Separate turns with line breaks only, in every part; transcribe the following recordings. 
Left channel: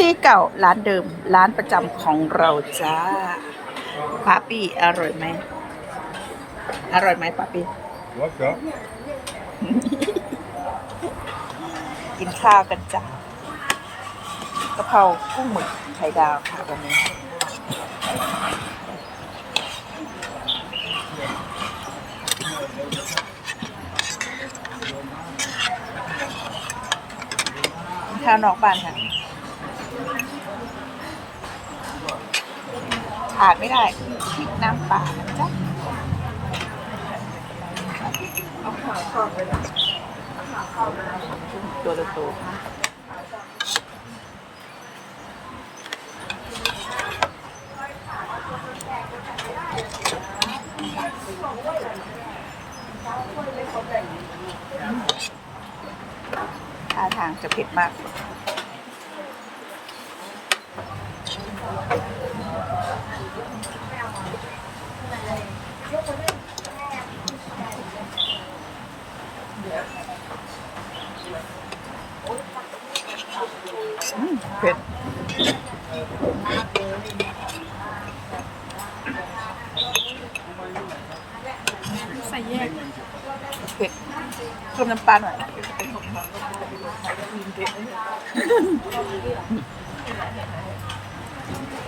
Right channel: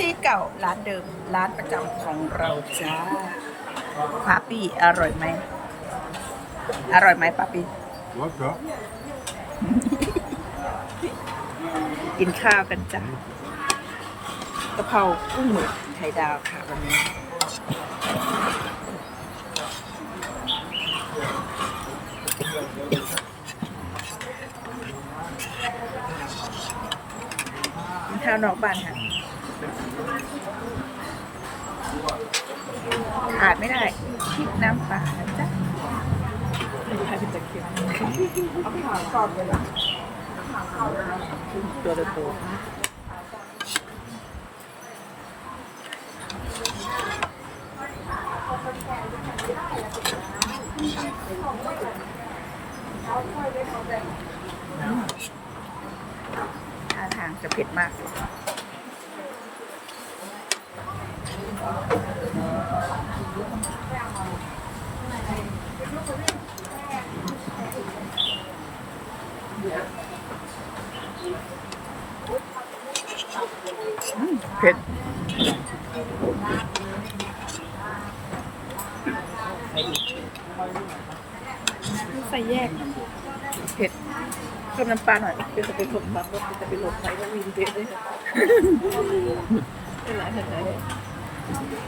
ที่เก่าร้านเดิมร้านประจำของเราจ้าป้าปี้อร่อยไหม อร่อยไหมป้าปี้
Lekker.
กินข้าวกันจ้ะกะเพรากุ้งหมึกไข่ดาวค่ะวันนี้ กินข้าวนอกบ้านค่ะ ขาดไม่ได้พริกน้ำปลานะจ๊ะเอาขาครอบไปเลยตัวโตท่าทางจะเผ็ดมาก เผ็ด
ใส่แยก
เผ็ดเพิ่มน้ำปลาหน่อยเป็นจะเป็นผมแบบว่าจะเป็นลมไปแล้ววินเผ็ดเลยเป็นไรเผ็ดไ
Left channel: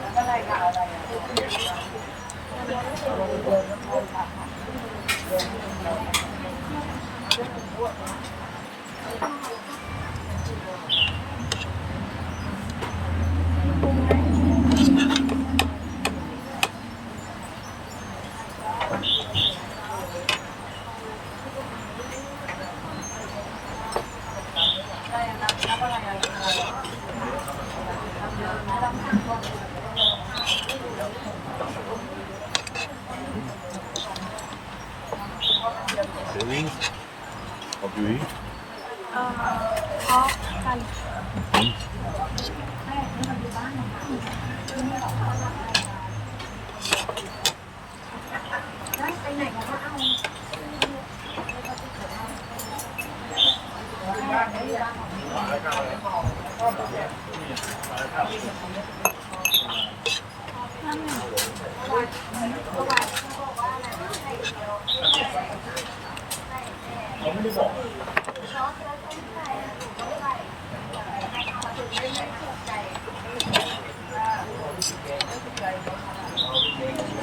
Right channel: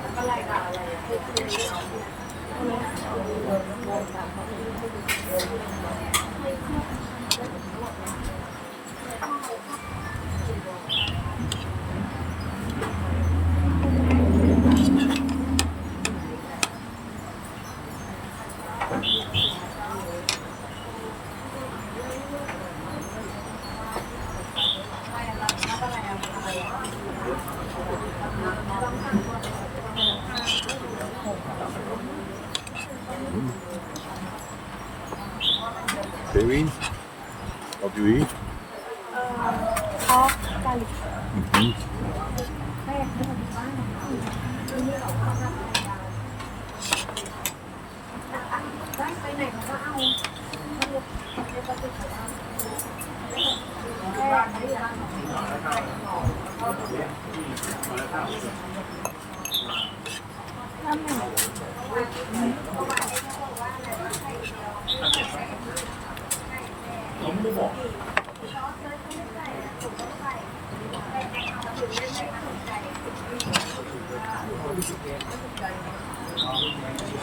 แล้
วก็ไรก็อะไรอะ Chili. What do you eat? Uh, pork garlic. Mm-hmm. Thank you.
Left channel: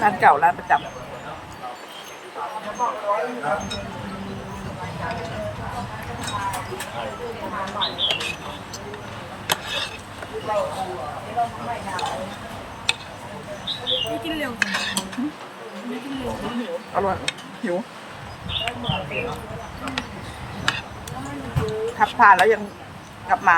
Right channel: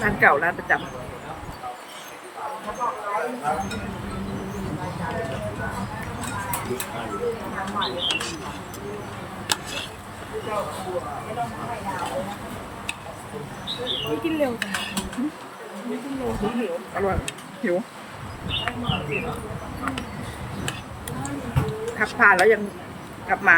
ร้านเก่าร้านประจำ
ไม่กินเร็วจังไม่กินเร็ว
หิวอร่อยหิวขับผ่านแล้วยังกลับมา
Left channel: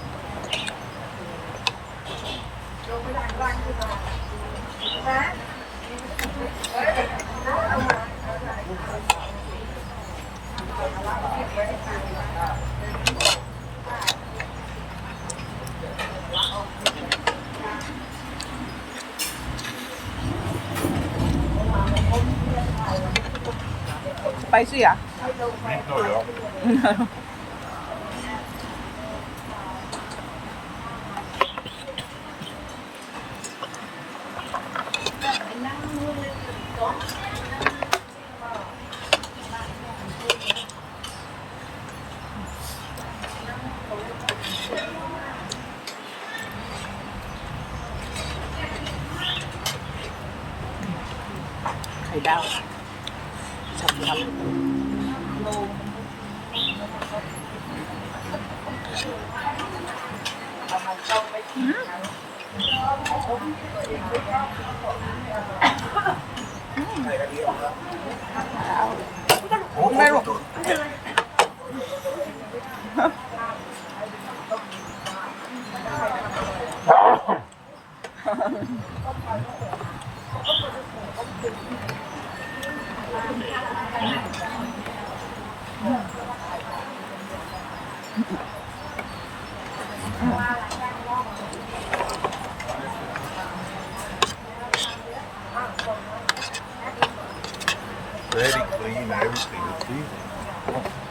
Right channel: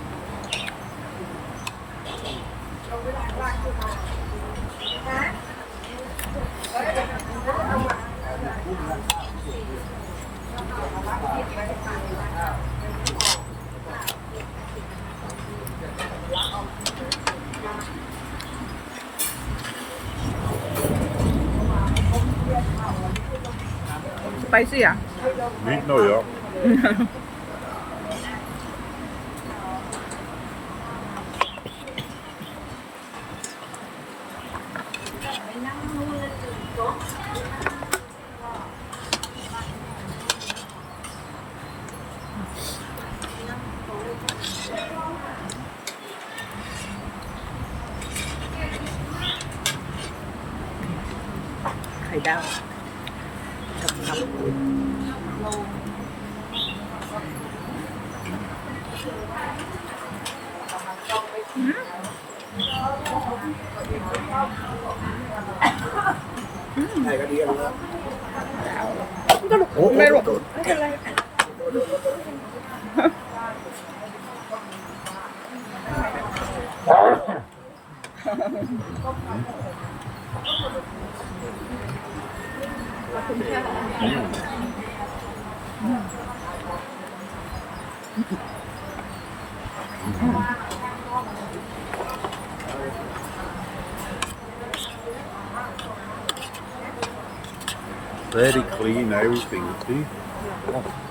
spicy à?
Nicht nur, ja.
Thầy đau thật thật Này có đi ăn
nữa. Ủa, nghe luôn. Không được rồi.
Very clean, everything, see?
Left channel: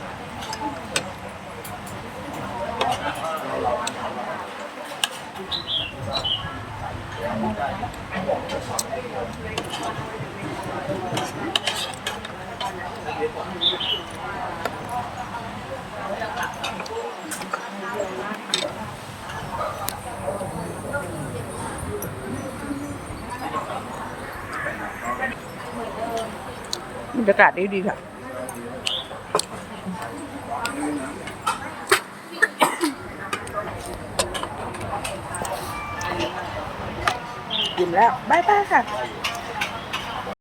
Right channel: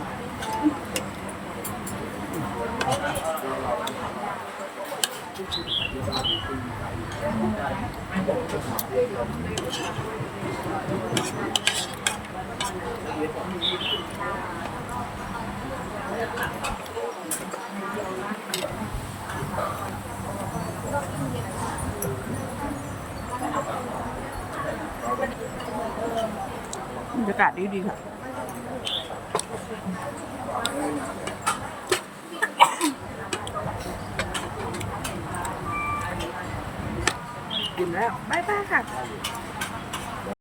บรรยากาศดีดีๆค่ะ กินแล้วบายบายค่ะ